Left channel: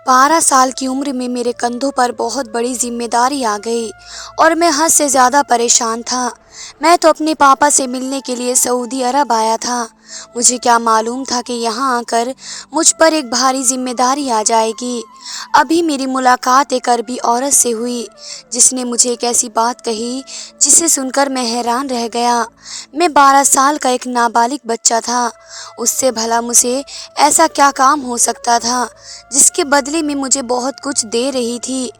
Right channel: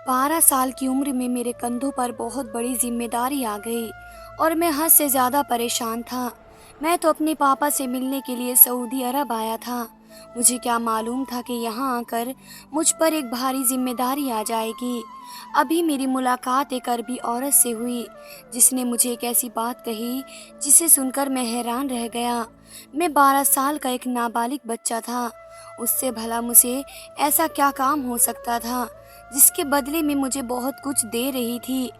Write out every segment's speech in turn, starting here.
12 साल की उम्र में मेरे कंधों पर बहुत बड़ी जिम्मेदारी आ गई और मैं हद से ज़्यादा परेशान था। मैं तो अपने पापा से मिलने के लिए सऊदी अरब आया था। मुझे क्या मालूम था कि यहाँ आकर मुझ पर एक भारी जिम्मेदारी आ जाएगी। अभी मेरी मुलाकात एक अरबी औरत से हुई जिसने मुझे एक ऐसी बात कही जिसे सुनकर मैं हैरान रह गया। मैं 12 साल का एक नाबालिग बच्चा था। उससे भला मुझे ऐसा क्या काम हो सकता था जिसके बदले में मुझे बहुत कुछ दे रही थी।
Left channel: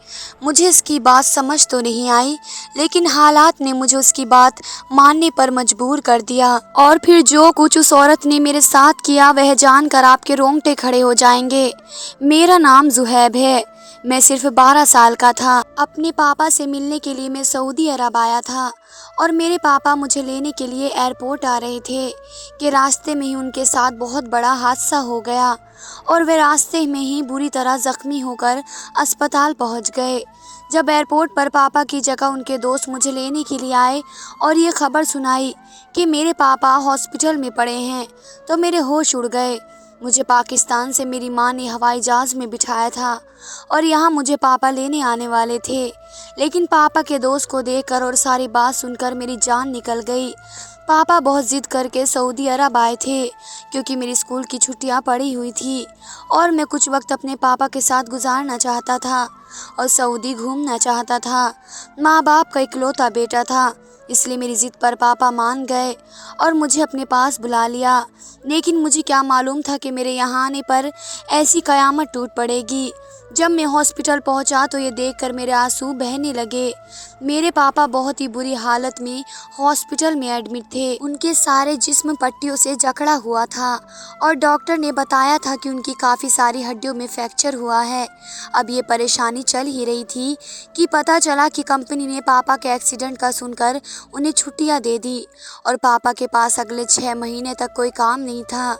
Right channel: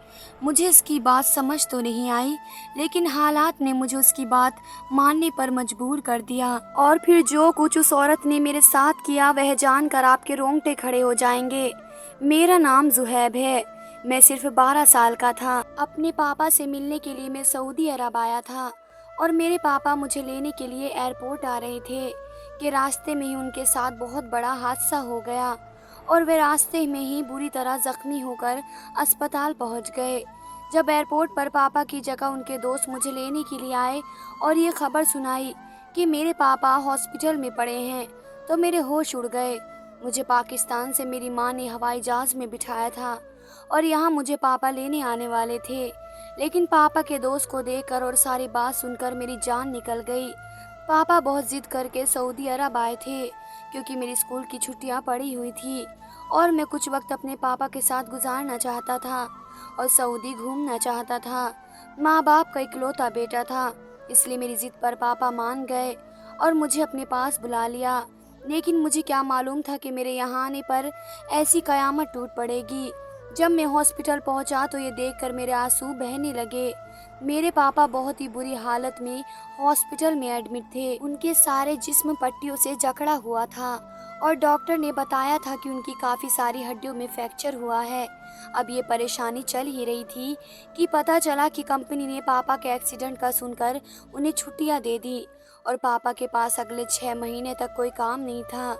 मुझे इसकी बात समझ तो नहीं आई, लेकिन हालात ने मुझे उसकी बात मानने पर मजबूर कर दिया। और फिर जो कुछ उस औरत ने मेरे साथ किया वह जानकर आपके रोंगटे खड़े हो जाएंगे। मेरा नाम जुहैब है। मैं सिर्फ 12 साल का था। अपने पापा से मिलने के लिए मैं सऊदी अरब आया था और मेरे पापा मुझे लेने के लिए एयरपोर्ट आ रहे थे कि रास्ते में ही उनके साथ बहुत बड़ा हादसा हो गया और वे रास्ते में ही बुरी तरह जख्मी होकर अस्पताल पहुंच गए। जब एयरपोर्ट पर पापा की जगह उनके दोस्त मुझे लेने के लिए आए और ये खबर सुनाई कि मेरे पापा हॉस्पिटल में पड़े हैं, तो मेरे होश उड़ गए। मुझे पाकिस्तान से मेरी माँ ने हवाई जहाज़ में बिठाया था और यहाँ मुझे पापा लेने आने वाले थे, लेकिन पापा के दोस्त को देखकर और सारी बात सुनकर मेरी जान निकल गई। पापा बहुत ज़िद करके सऊदी अरब आए थे क्योंकि मेरी स्कूल की छुट्टियां पड़ी हुई थी और मैं कुछ वक्त अपने पापा के साथ गुजारना चाहता था और सऊदी घूमना चाहता था। माँ बाप का इकलौता बेटा था, इसलिए मेरी ज़िद पर पापा मान गए और मुझे अपने पास बुला लिया। लेकिन मुझे क्या मालूम था कि मेरे यहाँ आने पर ऐसी कयामत टूट पड़ेगी। जब मैं हॉस्पिटल पहुँचा तो ये देखकर मेरे आंसू बहने लगे। मेरे पापा बहुत ही बुरी हालत में हॉस्पिटल में एडमिट थे। उनके सारे जिस्म पट्टियों से जकड़ा हुआ था और डॉक्टर ने बताया था कि उनकी काफ़ी सारी हड्डियों में फ्रैक्चर हुआ है। अब ये परेशानी चल ही रही थी कि पता चला कि कंपनी ने पापा के एक्सीडेंट का सुनकर उन्हें छुट्टियां दे दी और पापा के पास अगले 6 महीने तक कोई काम नहीं था।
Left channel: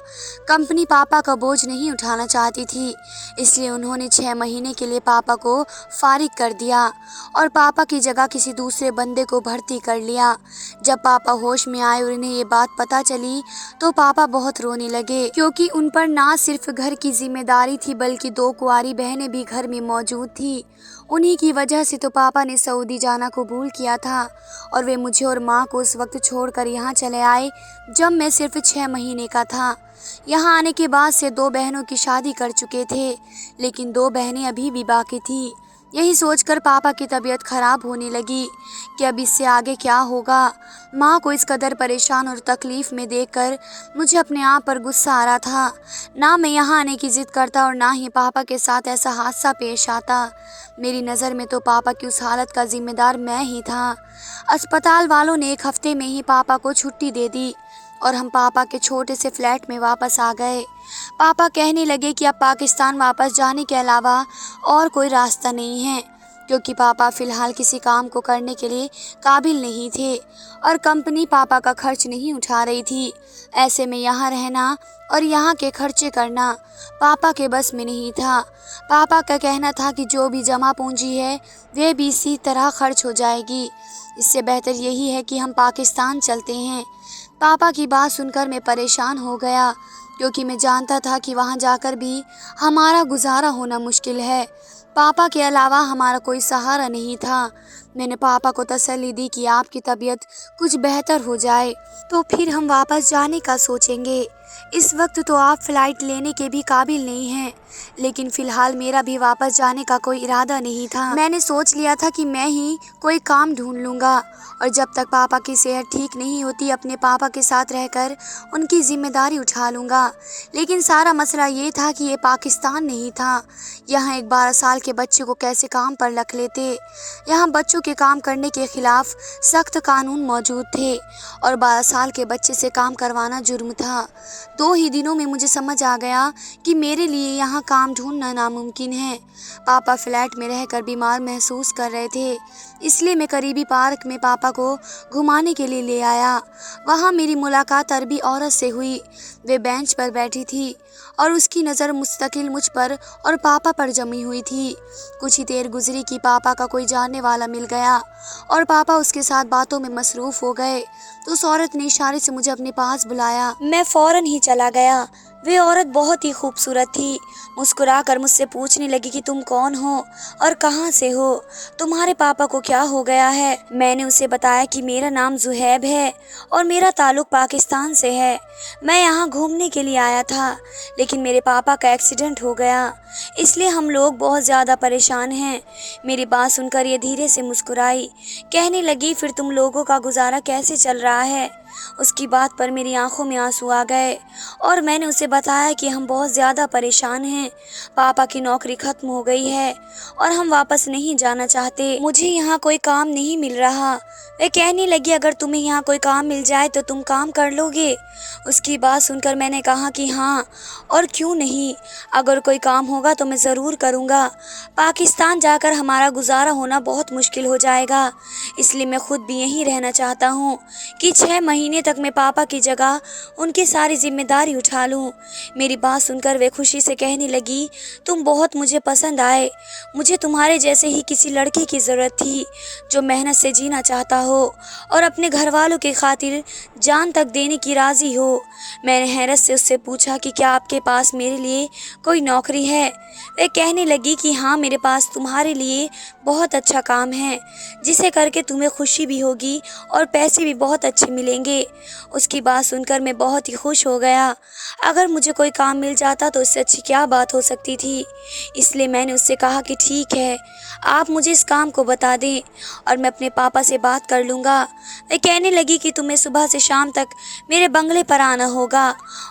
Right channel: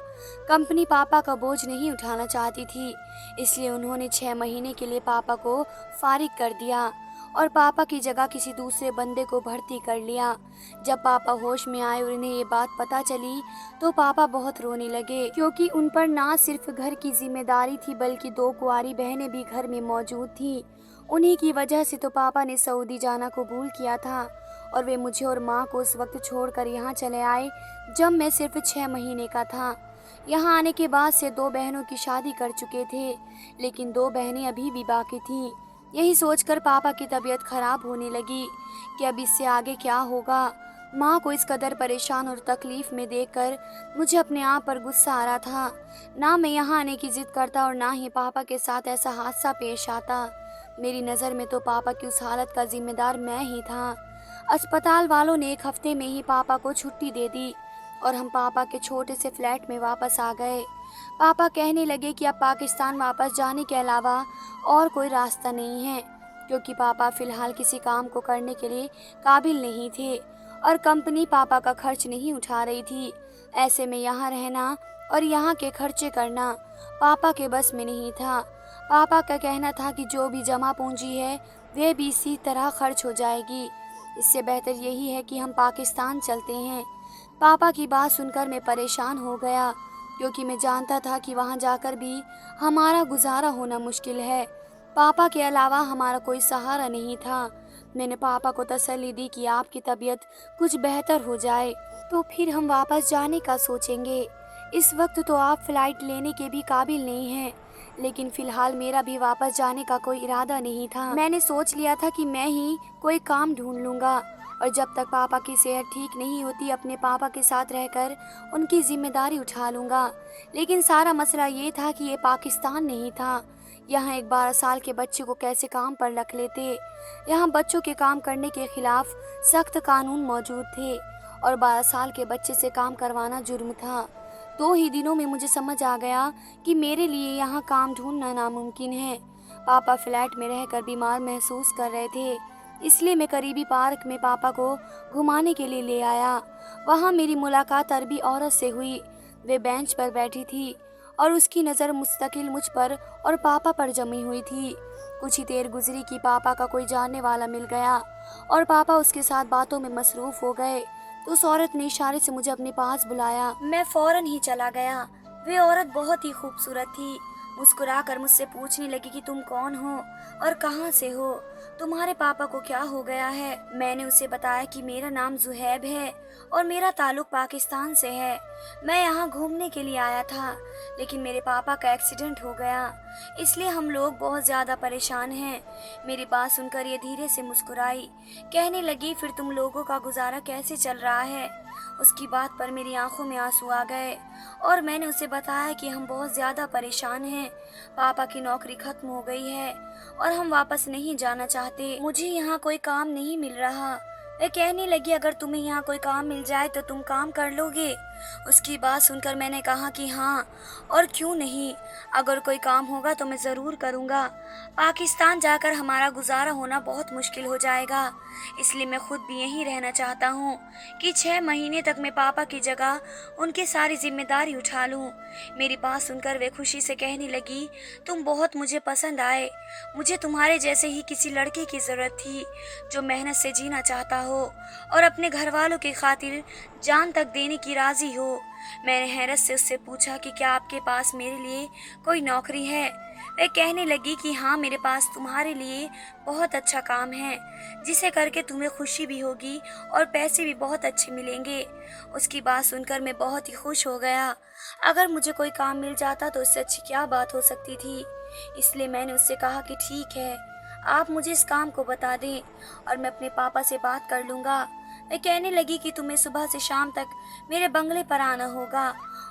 कंपनी पापा का बोझ नहीं उठाना चाहती थी, इसलिए उन्होंने 6 महीने के लिए पापा को फारिग कर दिया और पापा की जगह किसी दूसरे बंदे को भर्ती कर लिया। जब पापा होश में आए और उन्हें ये बात पता चली तो पापा बहुत रोने लगे, क्योंकि उन पर ना सिर्फ घर की जिम्मेदारी थी बल्कि 2 कुंवारी बहनें भी घर में मौजूद थी। उन्हीं की वजह से तो पापा ने सऊदी जाना कबूल किया था और वे मुझे और माँ को उस वक्त छोड़कर यहाँ चले आए जब मैं सिर्फ 6 महीने का था। यहाँ आने के बाद से 2 बहनों की शादी कर चुके थे, लेकिन 2 बहनें अभी भी बाकी थी। यही सोचकर पापा की तबीयत खराब होने लगी कि अब इससे आगे क्या होगा। माँ को इस कदर परेशान और तकलीफ़ में देखकर मुझे अपने आप पर गुस्सा आ रहा था। ना मैं यहाँ आने की ज़िद करता और ना ही पापा के साथ ऐसा हादसा पेश आता। मेरी नज़र में तो पापा की उस हालत का जिम्मेदार मैं ही था। अस्पताल वालों ने 1 हफ्ते में ही पापा को छुट्टी दे दी और हम पापा के छोटे से फ्लैट में वापस आ गए। पापा कहने लगे कि अब पाकिस्तान वापस जाने के अलावा और कोई रास्ता नहीं है, क्योंकि पापा फ़िलहाल किसी काम को करने के लिए काबिल नहीं थे और कंपनी पापा का खर्च नहीं उठा रही थी। ऐसे में यहाँ रहना और यहाँ के खर्चे करना पापा के बस में नहीं था। पापा का कहना था कि जो भी जमा पूंजी है वह भी इसी तरह खर्च हो जाएगी। इससे बेहतर यही है कि हम पाकिस्तान चलते हैं। पापा की बात सुनकर मैं परेशान हो गया, क्योंकि मैं जानता था कि वहाँ जाकर भी हमारा गुजारा होना मुश्किल है। पापा के अलावा हमारा कोई सहारा नहीं था। मैंने पापा को तसल्ली दी कि आपकी तबीयत कुछ बेहतर हो जाए तो फिर हम वापस जाने का सोचेंगे। इस वक्त तो आप फ़्लाइट लेने के भी काबिल नहीं हैं, लेकिन फ़िलहाल मेरा भी वापस जाने का कोई इरादा नहीं था। मैंने सोच लिया था कि मैं ही कोई काम ढूंढ लूँगा और जब तक पापा की सेहत ठीक नहीं होती अपने पापा के साथ रहकर उनकी जिम्मेदारी उठा लूँगा। लेकिन सारा मसला ये था कि ये पाकिस्तान नहीं था। यहाँ एक 12 साल के बच्चे को कैसे काम पर रख लेते। यहाँ बच्चों के काम करने के खिलाफ सख्त कानून मौजूद थे और 12 साल के बच्चे से काम करवाना जुर्म था। 2 ही दिनों में मुझे समझ आ गया कि मेरे लिए यहाँ काम ढूंढना नामुमकिन है। पापा फ्लैट में रहकर बीमार महसूस कर रहे थे, इसलिए मैं करीबी पार्क में पापा को घुमाने के लिए ले आया। वहाँ मेरी मुलाकात अरबी औरत से हुई। वे बेंच पर बैठी थी और उसकी नज़र मुस्तकिल मुझ पर और पापा पर जमी हुई थी। कुछ ही देर गुजरी कि पापा का कोई जानने वाला मिल गया और पापा उसके साथ बातों में मसरूफ़ हो गए तो उस औरत ने इशारे से मुझे अपने पास बुलाया। मैं फ़ौरन ही चला गया। वे औरत बहुत ही खूबसूरत थी। मुस्कुराकर मुझसे पूछने लगी कि तुम कौन हो और कहाँ से हो, तुम्हारे पापा को क्या हो गया है। मैंने उसे बताया कि मेरा नाम जुहैब है और मेरा ताल्लुक पाकिस्तान से है। मैं यहाँ घूमने के लिए आया था, लेकिन मेरे पापा का एक्सीडेंट हो गया, इसलिए हम लोग बहुत ज़्यादा परेशान हैं। मेरी बात सुनकर ये धीरे से मुस्कुराई, कहने लगी फिर तुम लोगों का गुजारा कैसे चल रहा है। उसकी बात पर मेरी आंखों में आंसू आ गए और मैंने उसे बताया कि हम बहुत ज़्यादा परेशान हैं। पापा की नौकरी खत्म हो गई है और हम वापस नहीं जाना चाहते। मुझे यहाँ कोई काम नहीं मिल रहा। वह कहने लगी अगर तुम्हें यहाँ कोई काम मिल जाए तो तुम काम कर लोगे। उसकी बात सुनकर मैंने कहा कि हाँ, और क्यों नहीं, अगर कोई काम होगा तो मैं ज़रूर करूँगा। पाकिस्तान जाकर हमारा गुजारा होना बहुत मुश्किल हो जाएगा, इसलिए मैं खुद भी यहीं रहना चाहता हूँ कि 6 महीने तक मैं पापा की जगह उनकी सारी जिम्मेदारी उठा लूँ। मेरी बात सुनकर वे खुशी से कहने लगी तुम बहुत मुझे पसंद आए। मुझे तुम्हारे जैसे ही किसी लड़के की ज़रूरत थी जो मेहनत से जीना चाहता हो और अपने घर वालों की खातिर जान तक देने की राज़ी हो। मैंने हैरत से उससे पूछा कि क्या आपके पास मेरे लिए कोई नौकरी है। वह कहने लगी कि हाँ, मेरे पास तुम्हारे लिए बहुत अच्छा काम है जिसे करके तुम्हें खुशी भी होगी और पैसे भी बहुत अच्छे मिलेंगे। उसकी बात सुनकर मैं बहुत ही खुश हो गया। अगर मुझे कोई काम मिल जाता तो उससे अच्छी क्या बात हो सकती थी। इसलिए मैंने उससे कहा कि ठीक है, आप मुझे इस काम को बता दें और मैं अपने पापा से बात कर लूँगा। वह कहने लगी कि तुम्हें सुबह से शाम तक मेरे बंगले पर आना होगा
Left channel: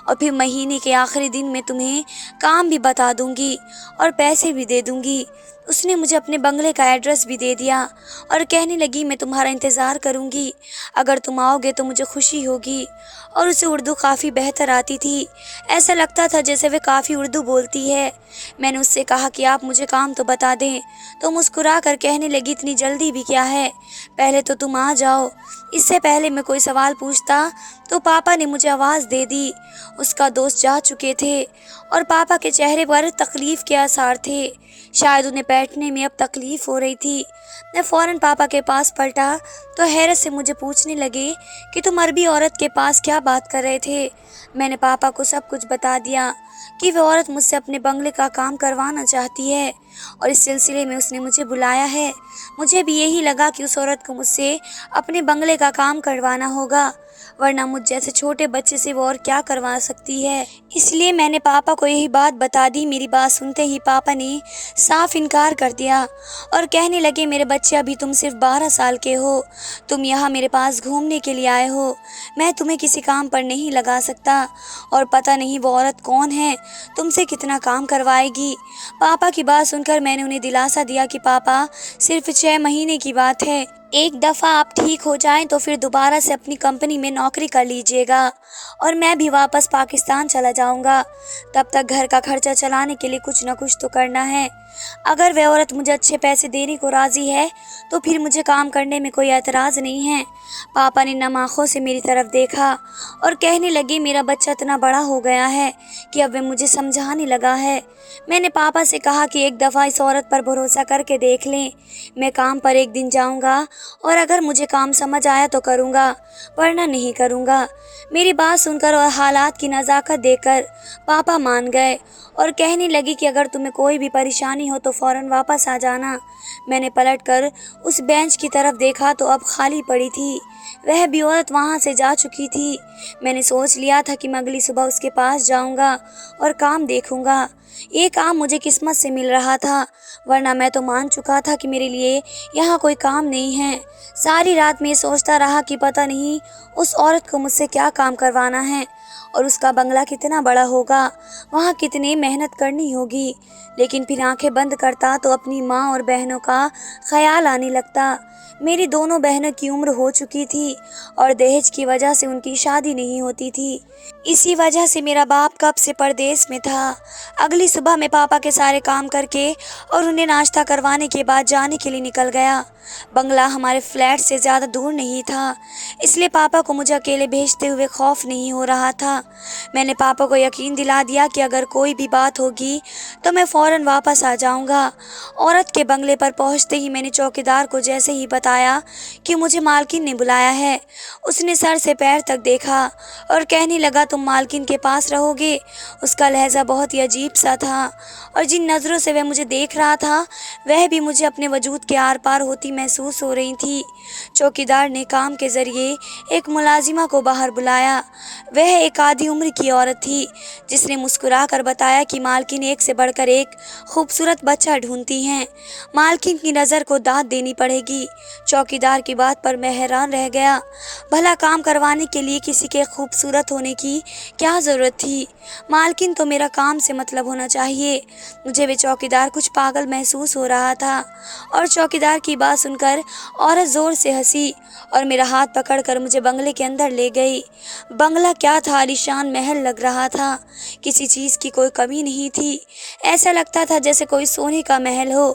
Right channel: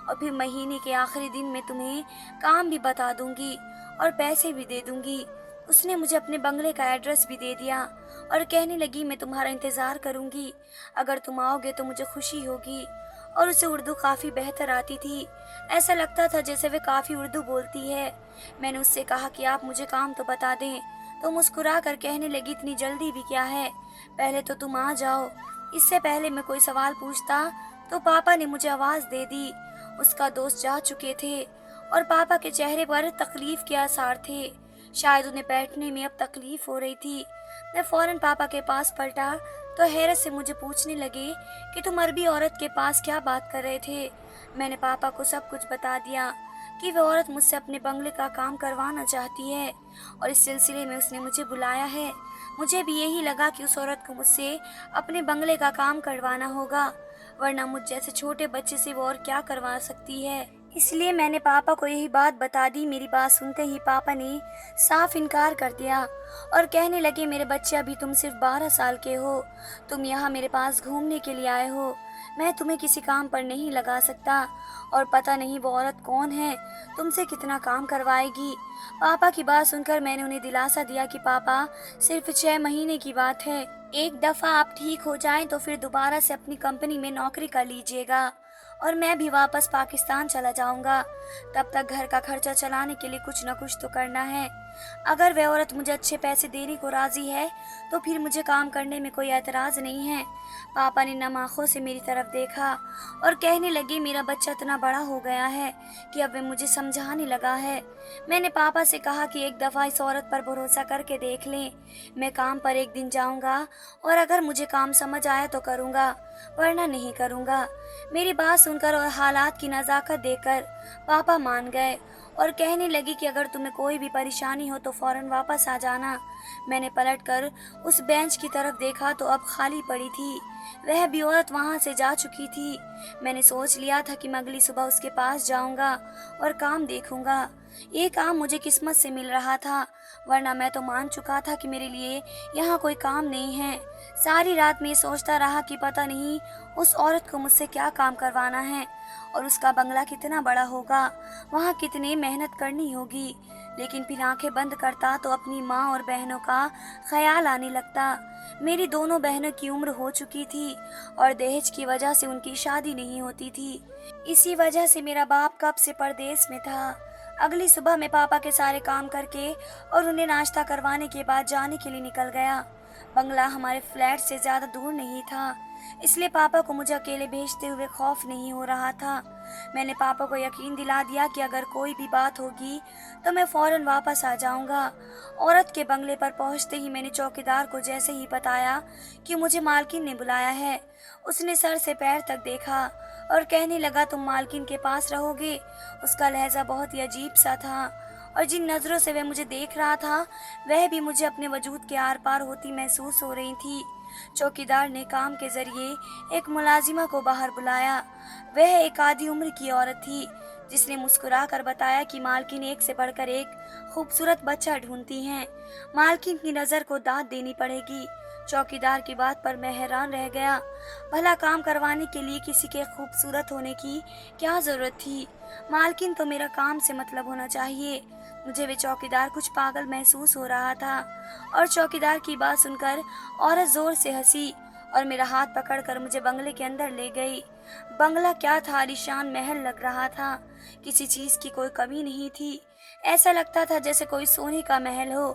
और फिर महीने के आखिरी दिन में तुम्हें काम भी बता दूँगी और पैसे भी दे दूँगी। उसने मुझे अपने बंगले का एड्रेस भी दे दिया और कहने लगी मैं तुम्हारा इंतज़ार करूँगी, अगर तुम आओगे तो मुझे खुशी होगी। और उसे उर्दू काफ़ी बेहतर आती थी, ऐसा लगता था जैसे वे काफ़ी उर्दू बोलती है। मैंने उससे कहा कि आप मुझे काम तो बता दें, तो मुस्कुरा कर कहने लगी इतनी जल्दी भी क्या है, पहले तो तुम आ जाओ। इससे पहले मैं कोई सवाल पूछता तो पापा ने मुझे आवाज़ दे दी। उसका दोस्त जा चुके थे और पापा के चेहरे पर तकलीफ़ के आसार थे, शायद उन्हें बैठने में अब तकलीफ़ हो रही थी। मैं फ़ौरन पापा के पास पलटा तो हैरत से मुझे पूछने लगे कि तुम अरबी औरत के पास क्या बात कर रहे थे। मैंने पापा को सब कुछ बता दिया कि वह औरत मुझसे अपने बंगले का काम करवाना चाहती है और इस सिलसिले में उसने मुझे बुलाया है। मुझे भी यही लगा कि उस औरत को मुझसे अपने बंगले का काम करवाना होगा, वरना मुझ जैसे छोटे बच्चे से वो और क्या करवा सकती है। इसलिए मैंने पापा को यही बात बता दी। मेरी बात सुनते ही पापा ने साफ इनकार कर दिया और कहने लगे मेरे बच्चे अभी तुम सिर्फ 12 साल के हो, तुम यहाँ मेरे पास घूमने के लिए आए हो, मैं तुम्हें किसी काम पर नहीं लगा सकता और पता नहीं वो औरत कौन है, तुमसे कितना काम करवाएगी। पापा की बात सुनकर मैंने उन्हें दिलासा दिया कि पापा सिर्फ 6 महीने की बात है, एक दफ़ा आप ठीक हो जाएं तो फिर दोबारा से अपनी कंपनी में नौकरी कर लीजिएगा और मैं भी वापस पाकिस्तान चला जाऊंगा। तब तक घर का खर्चा चलाने के लिए कुछ न कुछ तो करना है। अगर वह औरत मुझे अच्छे पैसे देने को राज़ी है तो फिर मुझे काम करने में कोई एतराज़ नहीं है। पापा ने नम आँखों से मेरी तरफ देखा और कहने लगे मेरा बच्चा इतना बड़ा हो गया है कि अब वह मुझे समझाने लगा है। मैंने पापा से कहा कि एक दफ़ा इस औरत पर भरोसा करके देख लें। मैं काम पर एक दिन जाऊंगा और अगर मुझे काम समझ आया तो करूंगा, वरना नहीं करूंगा। मेरी बात सुनकर और हालात की नज़ाकत देखकर पापा मान गए और कहने लगी कि अगर तुम्हें कोई भी परेशानी हो तो फ़ौरन वापस आ जाना। मैंने पलटकर उस बेंच की तरफ देखा तो अब खाली पड़ी थी, वह भी औरत वहाँ से जा चुकी थी। मैंने सोच लिया था कि मैं अगली सुबह उसके पास जाऊंगा और काम देखूंगा। ये काम मुझे किस्मत से मिल रहा था, वरना मैं तो मान चुका था कि मेरे लिए यहाँ कोई काम नहीं है। सारी रात में सोचता रहा कि पता नहीं उस औरत को मुझसे क्या काम करवाना है और उसका बंगला कितना बड़ा होगा, वहाँ कितनी मेहनत करनी होगी। लेकिन फिर आंखें बंद करता तो अपनी माँ और बहनों का ख्याल आने लगता। मेरी दोनों बहनों की उम्र हो चुकी थी और दहेज की वजह से उनकी शादी नहीं होती थी। इसी वजह से मेरा बाप कब से परदेश में था। अगली सुबह मैं पापा के सारे काम करके और उन्हें नाश्ता करवाने के बाद जाने के लिए निकल गया। बंगला हमारे फ्लैट से ज़्यादा दूर नहीं था, इसलिए पापा को मुझे अकेले भेजते हुए खौफ नहीं हो रहा था। मैंने पापा को यकीन दिला दिया कि अगर कोई भी बात होगी तो मैं फ़ौरन वापस आ जाऊंगा। औरत के बंगले पर पहुंचते ही मैंने चौकीदार को जैसे ही बताया कि मुझे मालकिन ने बुलाया है, उसने सर से पैर तक देखा और कहने लगा, तुम मालकिन के पास रहोगे। उसका लहजा बहुत ही अजीब सा था और जिन नज़रों से वह मुझे देख रहा था वह भी मुझे अपने वजूद के आर पार होती महसूस हो रही थी। चौकीदार ने काम के जरिए एक मुलाजिमा को बाहर बुलाया। वह एक आधी उम्र की औरत थी जिसने मुस्कुराकर बताया कि मालकिन एक से बढ़कर एक खूबसूरत बच्चा ढूंढती हैं, मालकिन की नज़र को दाद देनी पड़ेगी। चौकीदार की बात पर मैं हैरान रह गया। भला काम करवाने के लिए किसी के खूबसूरत होने की क्या ज़रूरत थी? मालकिन तो मेरा काम से मतलब होना चाहिए। मुझे वे चौकीदार कुछ पागल महसूस हो रहा था और चौकीदार की बात सुनकर औरत ज़ोर से हंसी और मेरा हाथ पकड़कर मुझे बंगले के अंदर ले गई। बंगला क्या था, आलीशान महल लग रहा था। किसी चीज़ की कोई कमी नहीं थी। ऐसा लगता था जैसे कोई सोने का महल हो।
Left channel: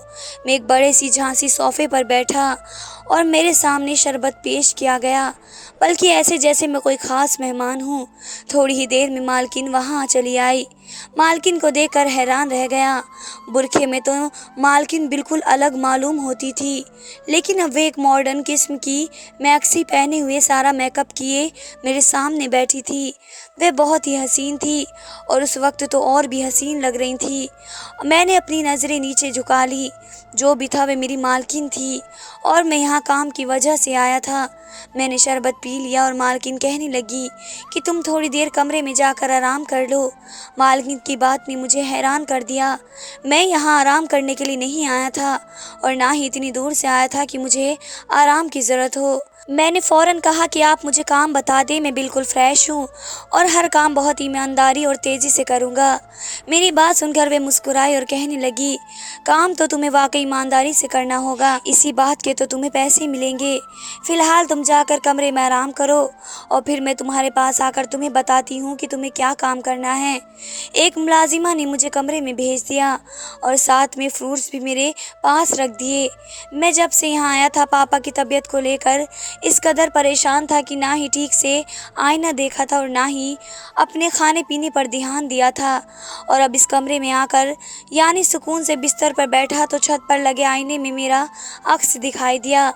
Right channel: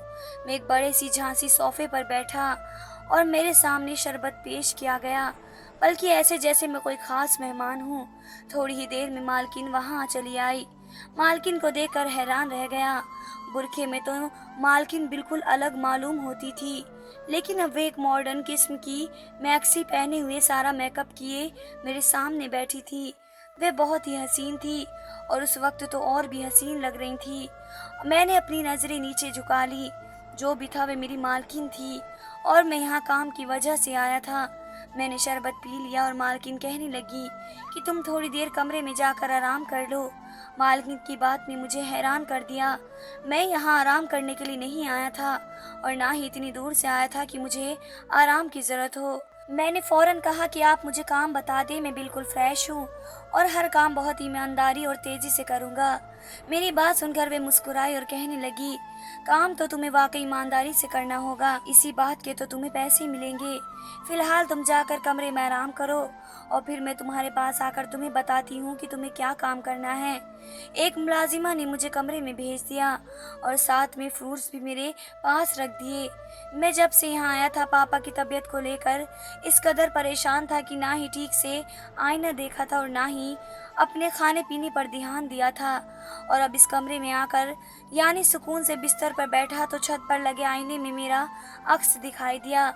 मैं एक बड़े सी झांसी सोफे पर बैठा और मेरे सामने शरबत पेश किया गया, बल्कि ऐसे जैसे मैं कोई ख़ास मेहमान हूँ। थोड़ी ही देर में मालकिन वहाँ चली आई। मालकिन को देखकर हैरान रह गया। बुरखे में तो मालकिन बिल्कुल अलग मालूम होती थी, लेकिन अब वे एक मॉडर्न किस्म की मैक्सी पहने हुए, सारा मेकअप किए मेरे सामने बैठी थी। वे बहुत ही हसीन थी और उस वक्त तो और भी हसीन लग रही थी। मैंने अपनी नज़रें नीचे झुका ली। जो भी था वे मेरी मालकिन थी और मैं यहाँ काम की वजह से आया था। मैंने शरबत पी लिया और मालकिन कहने लगी कि तुम थोड़ी देर कमरे में जाकर आराम कर लो। मालकिन की बात ने मुझे हैरान कर दिया। मैं यहाँ आराम करने के लिए नहीं आया था और ना ही इतनी दूर से आया था कि मुझे आराम की ज़रूरत हो। मैंने फ़ौरन कहा कि आप मुझे काम बता दें, मैं बिल्कुल फ़्रेश हूँ और हर काम बहुत ईमानदारी और तेज़ी से करूँगा। मेरी बात सुनकर वे मुस्कुराई और कहने लगी, काम तो तुम्हें वाकई ईमानदारी से करना होगा, इसी बात के तो तुम्हें पैसे मिलेंगे। फ़िलहाल तुम जाकर कमरे में आराम करो और फिर मैं तुम्हारे पास आकर तुम्हें बताती हूँ कि तुम्हें क्या काम करना है। एक मुलाजिमा ने मुझे कमरे में भेज दिया और साथ में फ्रूट्स भी मेरे पास रख दिए। मैं जब से यहाँ आया था पापा की तबीयत को लेकर इस कदर परेशान था कि ना ही ठीक से आईना देखा था और ना ही अपने खाने पीने पर ध्यान दिया था। और अब इस कमरे में आकर यानी सुकून से बिस्तर पर बैठा तो छत पर लगे आईने में मेरा अक्स दिखाई दिया।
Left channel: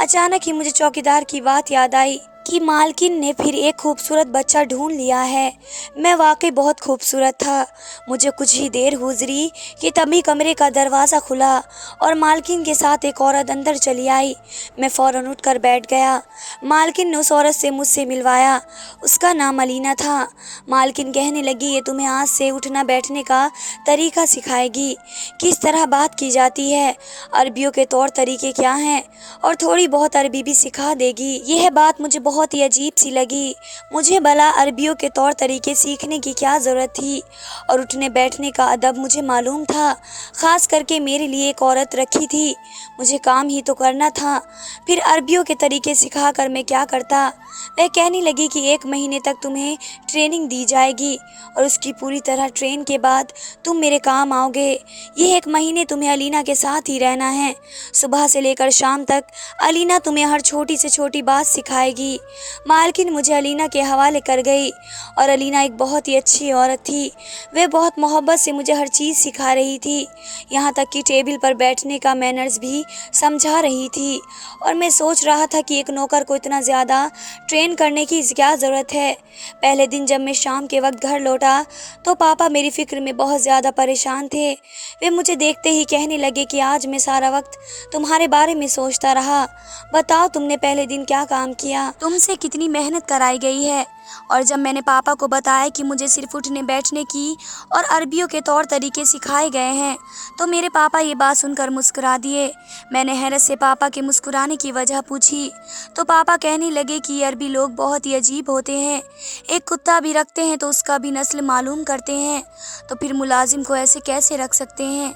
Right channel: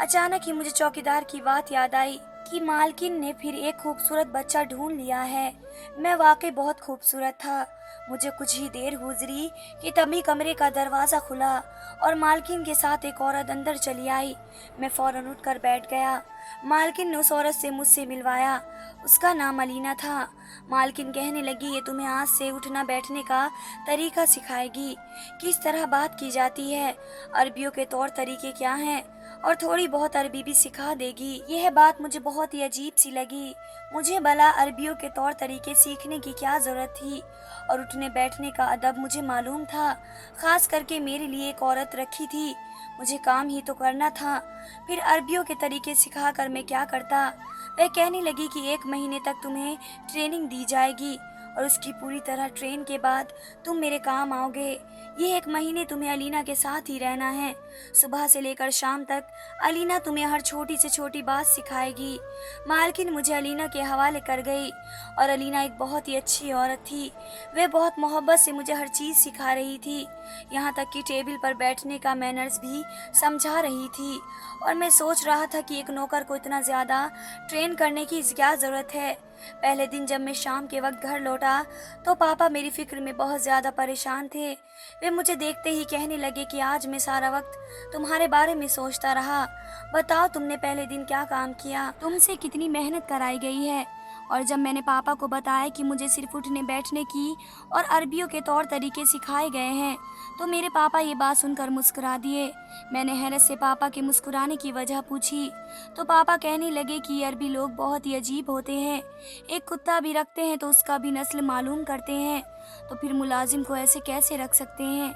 अचानक ही मुझे चौकीदार की बात याद आई कि मालकिन ने फिर एक खूबसूरत बच्चा ढूंढ लिया है। मैं वाकई बहुत खूबसूरत था। मुझे कुछ ही देर गुजरी कि तभी कमरे का दरवाज़ा खुला और मालकिन के साथ एक औरत अंदर चली आई। मैं फ़ौरन उठकर बैठ गया। मालकिन ने उस औरत से मुझसे मिलवाया। उसका नाम अलीना था। मालकिन कहने लगी, ये तुम्हें आज से उठना बैठने का तरीका सिखाएगी, किस तरह बात की जाती है, अरबियों के तौर तरीके क्या हैं और थोड़ी बहुत अरबी भी सिखा देगी। यह बात मुझे बहुत ही अजीब सी लगी। मुझे भला अरबियों के तौर तरीके सीखने की क्या ज़रूरत थी और उठने बैठने का अदब मुझे मालूम था। ख़ास करके मेरे लिए एक औरत रखी थी, मुझे काम ही तो करना था। फिर अरबियों के तरीके सिखा कर मैं क्या करता। वह कहने लगी कि 1 महीने तक तुम्हें ट्रेनिंग दी जाएगी और उसकी पूरी तरह ट्रेन के बाद तुम मेरे काम आओगे। ये 1 महीने तुम्हें अलीना के साथ ही रहना है। सुबह से लेकर शाम तक अलीना तुम्हें हर छोटी से छोटी बात सिखाएगी। मालकिन मुझे अलीना के हवाले कर गई और अलीना एक बहुत ही अच्छी औरत थी। वह बहुत मोहब्बत से मुझे हर चीज़ सिखा रही थी, यहाँ तक कि टेबल पर बैठने का मैनर्स भी समझा रही थी। और मैं सोच रहा था कि एक नौकर को इतना ज़्यादा ट्रेन करने की क्या ज़रूरत है। पहले दिन जब मैं शाम के वक्त घर लौटा तो पापा मेरी फ़िक्र में बहुत ज़्यादा परेशान थे। वे मुझे देखते ही कहने लगे कि आज मैं सारा वक्त तुम्हारे बारे में सोचता रहा। बताओ तुमने पहले दिन क्या काम किया, तुमसे कितनी मेहनत कराई गई है। और जब मैंने पापा को बताया कि मुझे सिर्फ उठने बैठने की और अरबियों के तौर तरीके सिखाए गए हैं तो मेरे पापा ये बात सुनकर मुस्कुरा दिए। मैंने हैरत से पापा के मुस्कुराने की वजह पूछी तो पापा कहने लगे कि ये अरबी लोग बहुत ही अजीब होते हैं, एक कुत्ता भी रखते हैं तो उसका भी नस्ल मालूम करते हैं, तो फिर मुलाजिम को ऐसे कैसे रख सकते हैं।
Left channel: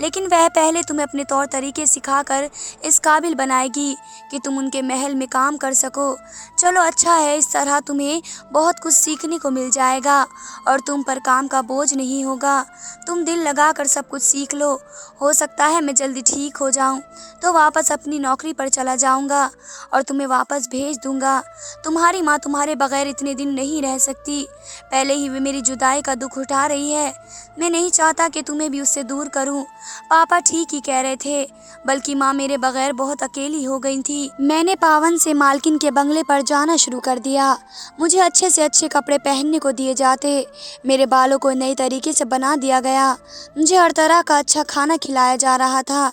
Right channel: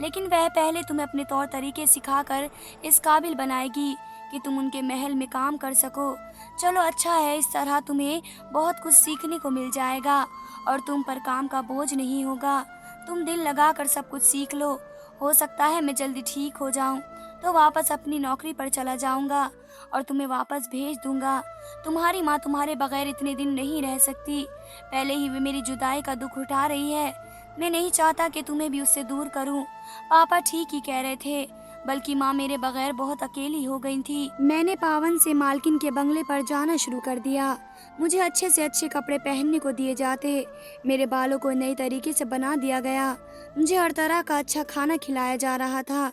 लेकिन वह पहले तुम्हें अपने तौर तरीके सिखाकर इस काबिल बनाएगी कि तुम उनके महल में काम कर सको। चलो अच्छा है, इस तरह तुम्हें बहुत कुछ सीखने को मिल जाएगा और तुम पर काम का बोझ नहीं होगा। तुम दिल लगाकर सब कुछ सीख लो। हो सकता है मैं जल्दी ठीक हो जाऊं तो वापस अपनी नौकरी पर चला जाऊंगा और तुम्हें वापस भेज दूंगा। तुम्हारी माँ तुम्हारे बगैर इतने दिन नहीं रह सकती। पहले ही वे मेरी जुदाई का दुख उठा रही है। मैं नहीं चाहता कि तुम्हें भी उससे दूर करूं। पापा ठीक ही कह रहे थे, बल्कि माँ मेरे बगैर बहुत अकेली हो गई थी। मैंने पावन से मालकिन के बंगले पर जाना शुरू कर दिया। मुझे अच्छे से अच्छे कपड़े पहनने को दिए जाते। मेरे बालों को नए तरीके से बना दिया गया। मुझे हर तरह का अच्छा खाना खिलाया जा रहा था।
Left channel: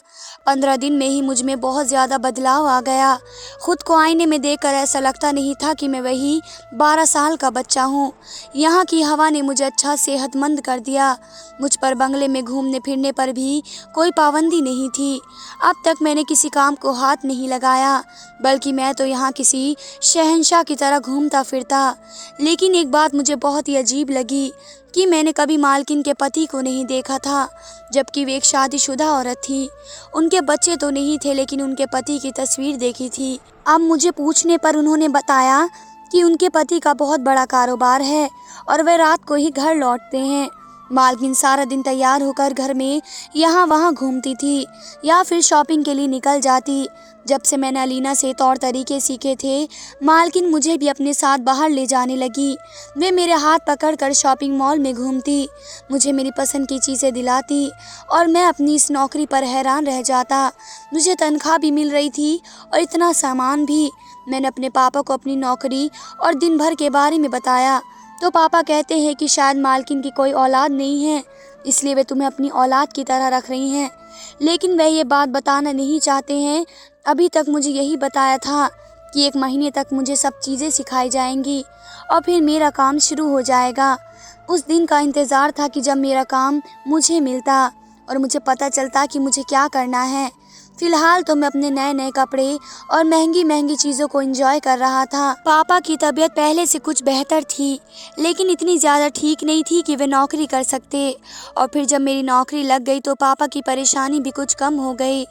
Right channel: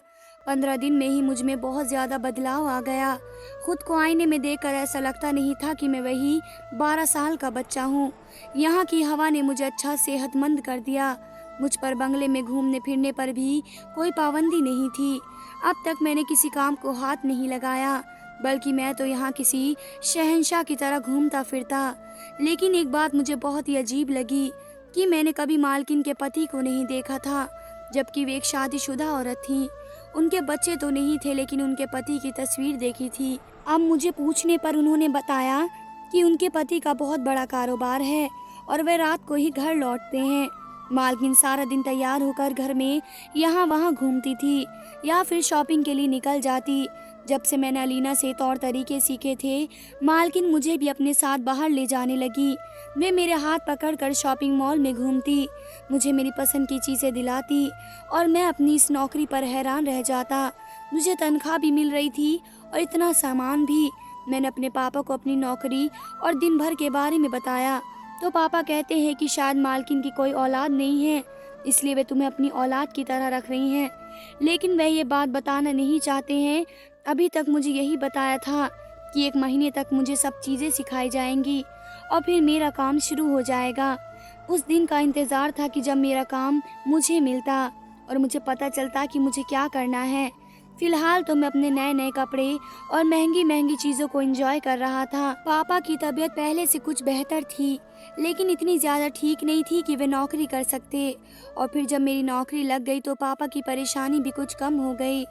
15 दिन में ही मुझ में बहुत ज़्यादा बदलाव आ गया। खुद को आईने में देखकर ऐसा लगता नहीं था कि मैं वही 12 साल का बच्चा हूँ। यहाँ की हवा ने मुझे अच्छा सेहतमंद कर दिया। मुझ पर बंगले में घूमने फिरने पर भी कोई पाबंदी नहीं थी। अब तक मैंने किसी काम को हाथ नहीं लगाया, बल्कि मैं तो यहाँ किसी शहंशाह की तरह घूमता फिरता। लेकिन एक बात मुझे बहुत ही अजीब लगी कि मैंने कभी मालकिन के पति को नहीं देखा था, जबकि वे एक शादीशुदा औरत थी। उनके बच्चे तो नहीं थे, लेकिन उनके पति की तस्वीर देखी थी। अब मुझे पूछने पर उन्होंने बताया कि उनके पति का बहुत बड़ा कारोबार है और वे रात को ही घर लौटते हैं। मालकिन सारा दिन तैयार होकर घर में यहाँ वहाँ घूमती थी या फिर शॉपिंग के लिए निकल जाती। जब से मैंने अलीना से तौर तरीके सीखे थे, मालकिन मुझे भी अपने साथ बाहर ले जाने लगी। वे मेरे हाथ पकड़कर शॉपिंग मॉल में घूमती, मुझे मेरी पसंद की चीज़ें दिलाती और मैं अपनी इस नौकरी पर हैरान रह जाता। मुझे तनख्वाह भी मिल रही थी और इतना सामान भी। मैंने अपने पापा को अपनी नौकरी और दिन भर के बारे में बताया तो पापा कहते हैं कि शायद मालकिन की कोई औलाद नहीं है, इसलिए वे तुम्हें अपनी औलाद की तरह रख रही हैं। लेकिन वह ये बात बताना नहीं चाहते हैं। अभी तक मुझे यही बताया था कि 1 महीने तक मुझे सब चीज़ें सिखाई जाएंगी और फिर मेरा काम शुरू हो जाएगा। उस दिन का इंतज़ार था कि जब मेरा काम मुझे मिलता और मुझे पता चलता कि मुझे क्या करना है। फिलहाल तो मैं अपने नए नए कपड़े और महंगी महंगी चीज़ों को एंजॉय कर रहा था। पापा की तबीयत पहले से कुछ बेहतर थी, लेकिन इतनी ज़्यादा ठीक नहीं थी कि वे नौकरी कर सकते। और फिर जब मेरी नौकरी लग गई तो पापा की परेशानी भी कुछ कम हो गई।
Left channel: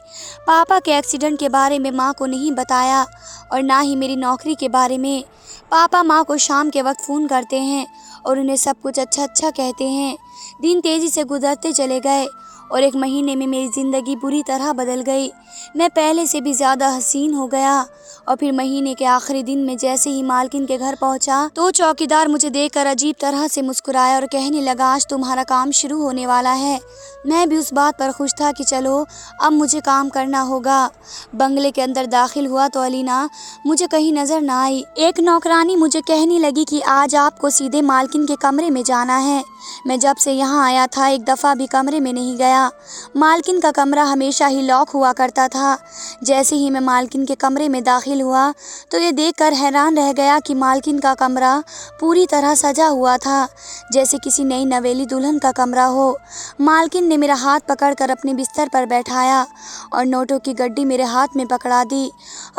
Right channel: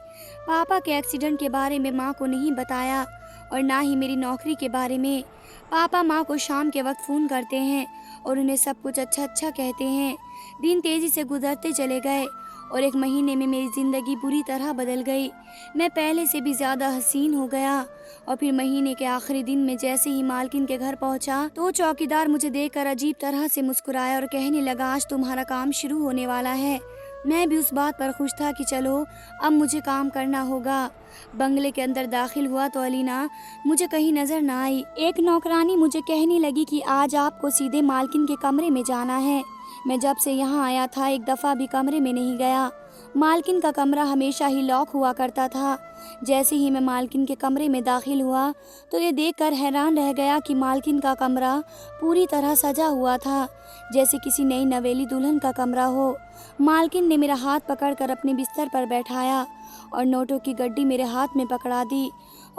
पापा के एक्सीडेंट के बारे में माँ को नहीं बताया और ना ही मेरी नौकरी के बारे में। पापा माँ को शाम के वक्त फ़ोन करते हैं और उन्हें सब कुछ अच्छा अच्छा कहते हैं। दिन तेज़ी से गुजरते चले गए और 1 महीने में मेरी ज़िंदगी बुरी तरह बदल गई। मैं पहले से भी ज़्यादा हसीन हो गया। और फिर महीने के आखिरी दिन में जैसे ही मालकिन के घर पहुंचा तो चौकीदार मुझे देखकर अजीब तरह से मुस्कुराया और कहने लगा, आज तुम्हारा काम शुरू होने वाला है। मैं भी उस बात पर खुश था कि चलो अब मुझे काम करना होगा। बंगले के अंदर दाखिल हुआ तो अलीना मुझे कहीं नज़र ना आई। एक नौकरानी मुझे कहने लगी कि आज आपको सीधे मालकिन के कमरे में जाना है। मैं जब से यहाँ आया था एक दफ़ा भी कमरे में नहीं गया। मालकिन का कमरा हमेशा ही लॉक हुआ करता था। जैसे ही मैं मालकिन के कमरे में दाखिल हुआ तो ये देखकर हैरान रह गया कि मालकिन का कमरा पूरी तरह सजा हुआ था, जैसे किसी नई नवेली दुल्हन का कमरा हो। मालकिन ने मेरा हाथ पकड़कर अपने बिस्तर पर बैठाया और नोटों की गड्डी मेरे हाथ में पकड़ा दी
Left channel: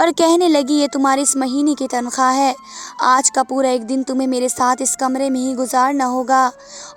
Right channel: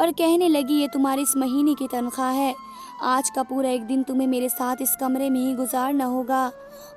और कहने लगी, ये तुम्हारी इस महीने की तनख्वाह है। आज का पूरा एक दिन तुम्हें मेरे साथ इस कमरे में ही गुजारना होगा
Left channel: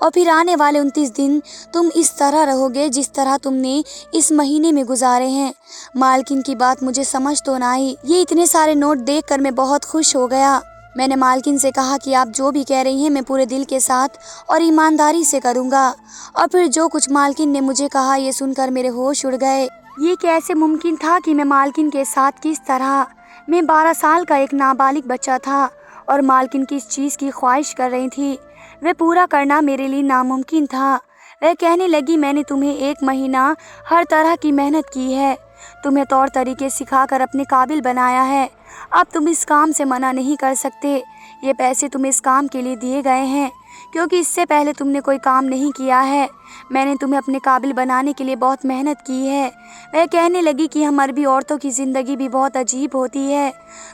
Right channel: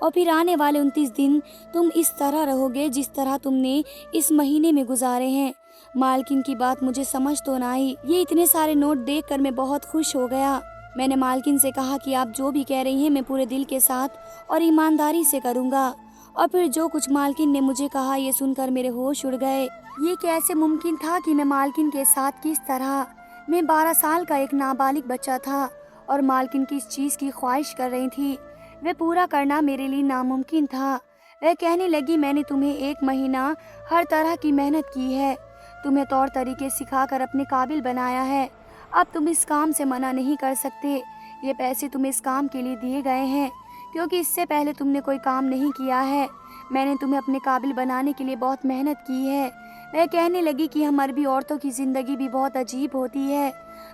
और फिर आने वाले 29 दिन तुम इस तरह रहोगे जिस तरह तुमने इस महीने में गुजारे हैं। मालकिन की बात मुझे समझ तो ना आई। ये इतने सारे नोट देखकर मैं बहुत खुश हो गया। मैंने मालकिन से कहा कि आप जो भी कह रही हैं मैं पूरे दिल के साथ और ईमानदारी से करूँगा। और फिर जो कुछ मालकिन ने मुझे कहा ये सुनकर मेरे होश उड़ गए। ये कैसे मुमकिन था कि मैं मालकिन के साथ किस तरह। मैं 12 साल का एक नाबालिग बच्चा था और मालकिन किस चीज़ की ख्वाहिश कर रही थी वह पूरा करना मेरे लिए नामुमकिन था। वह कहने लगी, मैंने तुम्हें 1 महीना हर तरह की मेहनत की है, तुम्हें तौर तरीके सिखाकर अपने काबिल बनाया है। अब तुम इस काम से मना नहीं कर सकते। ये पैसे तुम्हें इस काम के लिए दिए गए हैं क्योंकि इससे पहले तुमने कोई काम नहीं किया है। मैंने तुम्हें अपने काबिल बनाने के लिए बहुत मेहनत की है। वह कहने लगी कि हम अरबी औरतों की ज़िंदगी भी बहुत अजीब होती है।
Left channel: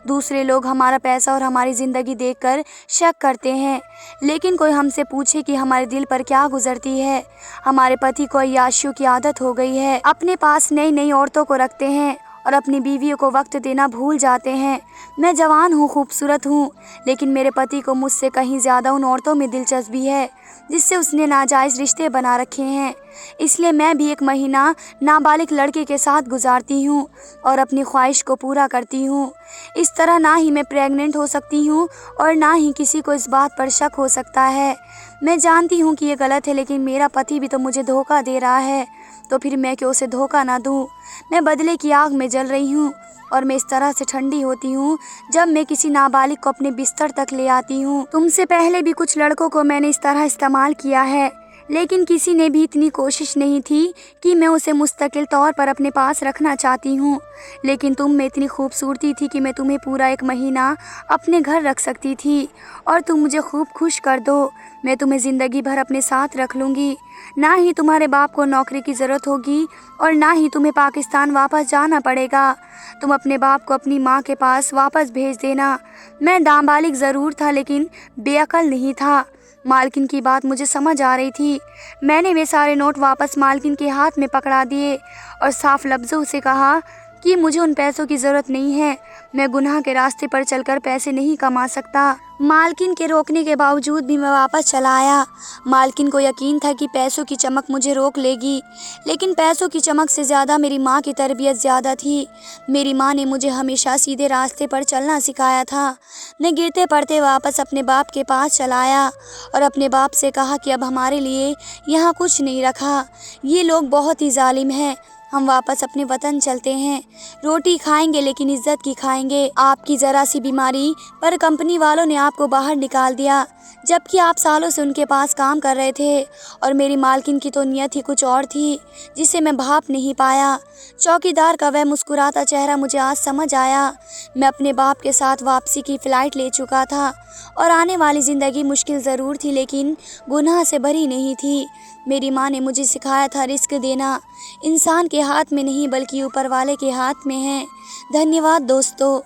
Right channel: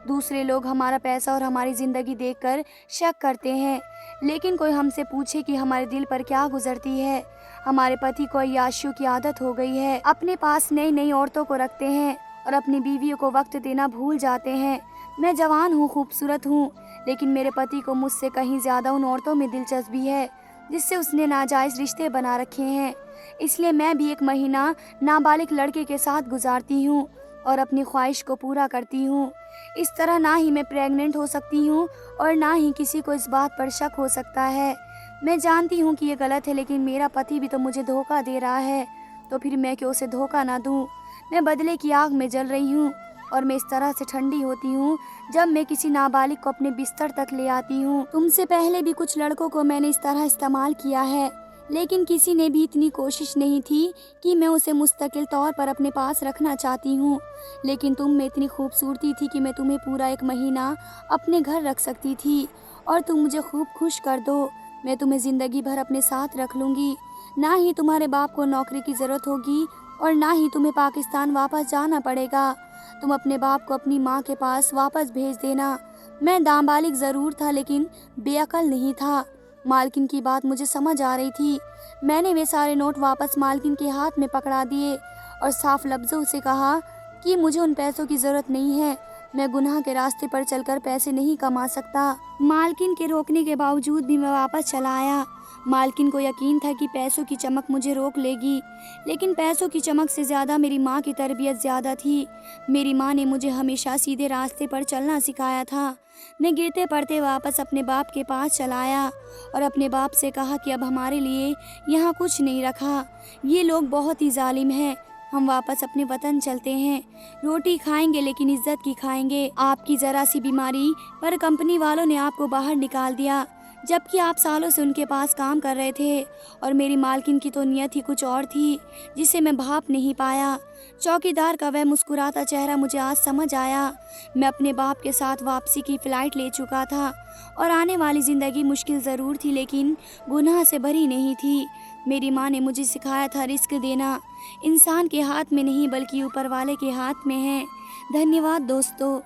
दूसरे लोग हमारा पैसा और हमारी ज़िंदगी देखकर शक करते हैं, लेकिन कोई हमसे पूछे कि हमारे दिल पर क्या गुजरती है। हमारे पति को अय्याशियों की आदत हो गई है, अपने पास नई नई औरतों को रखते हैं और अपनी बीवियों को वक्त देना भूल जाते हैं। मैं जवान हूँ, खूबसूरत हूँ, लेकिन मेरे पति को मुझसे कहीं ज़्यादा उन औरतों में दिलचस्पी है जिससे उसने नाजायज़ रिश्ते बना रखे हैं। इसलिए मैं भी 1 महीना नाबालिग लड़के के साथ गुजारती हूँ और अपनी ख्वाहिश को पूरा करती हूँ। इस तरह ना ही मैं प्रेग्नेंट हो सकती हूँ और ना ही किसी को इस बात पर शक हो सकता है। मैं जानती हूँ कि ये गलत है, लेकिन मेरा पति भी तो मुझे धोखा दे रहा है, तो फिर मैं क्यों उसे धोखा ना दूँ। मैं बदले की आग में जल रही हूँ और मैं इस तरह से ठंडी होती हूँ जब मैं किसी नाबालिग को अपने बिस्तर तक ले आती हूँ। तुमसे पहले भी कुछ लड़कों को मैंने इस तरह इस्तेमाल किया है, लेकिन किसी ने भी इतनी कोशिश नहीं थी कि मैं उसे मुस्तकिल तौर पर अपने पास रखना चाहती हूँ। लेकिन तुम में इतनी खूबसूरती थी कि मैं तुम्हें पूरा 1 महीना अपने घर रख सकती थी और तुम मुझे खूब खुश कर दो। मैं तुम्हें ज़िंदगी भर अपने साथ रख लूँगी। ना ही तुम्हारे बाप को नौकरी की ज़रूरत होगी और ना ही तुम्हें पाकिस्तान वापस जाना पड़ेगा। तुम अपने बाप को अपनी माँ के पास वापस भेज देना। मैं नाबालिग ज़रूर था, लेकिन बेअकल नहीं था। मालकिन की बात मुझे समझ आ रही थी। मैंने वे सारे नोट वापस मालकिन के हाथ में पकड़ा दिए और साफ लफ्ज़ों से कहा कि मुझे उन पैसों की ज़रूरत नहीं है। मैं गुनाह के रास्ते पर चलकर पैसे नहीं कमा सकता। मालकिन के रोकने के बावजूद भी मैं वापस चला आया। मालकिन को यकीन था कि पैसों की चमक मुझे रोक लेगी, लेकिन पैसों की चमक से ज़्यादा मेरी माँ की तरबियत ज़्यादा थी। मेरी माँ ने मुझे हमेशा सीधे रास्ते पर चलना सिखाया था। मैं गिरते पड़ते वापस अपने बाप के पास चला आया और अपने बाप से कहा कि अब हमारे लिए यहाँ कुछ नहीं रखा। ये लोग बहुत ही जालिम हैं। हम वापस अपने वतन चलते हैं। रोटी खाएंगे, लेकिन इज्जत की खाएंगे। आपकी ज़रा सी बीमारी पर कंपनी वालों ने आपको बाहर निकाल दिया, जबकि आप सालों से उनके पास काम कर रहे थे। और मेरी मालकिन की तो नियत ही कुछ और थी, जिसे मैं भाप नहीं पाया। चौकीदार का वह मुस्कुराता चेहरा मुझे आज समझ आया। मैं अपने बाप के साथ वापसी की फ़्लाइट ले चुका था और आने वाली ज़िंदगी मुश्किल ज़रूर थी, लेकिन गुनाह से भरी नहीं थी। मेरी माँ ने मुझे सिखाया था रिस्क देना इंसान के हाथ में नहीं, बल्कि ऊपर वाले के हाथ में है। धन्यवाद दोस्तों।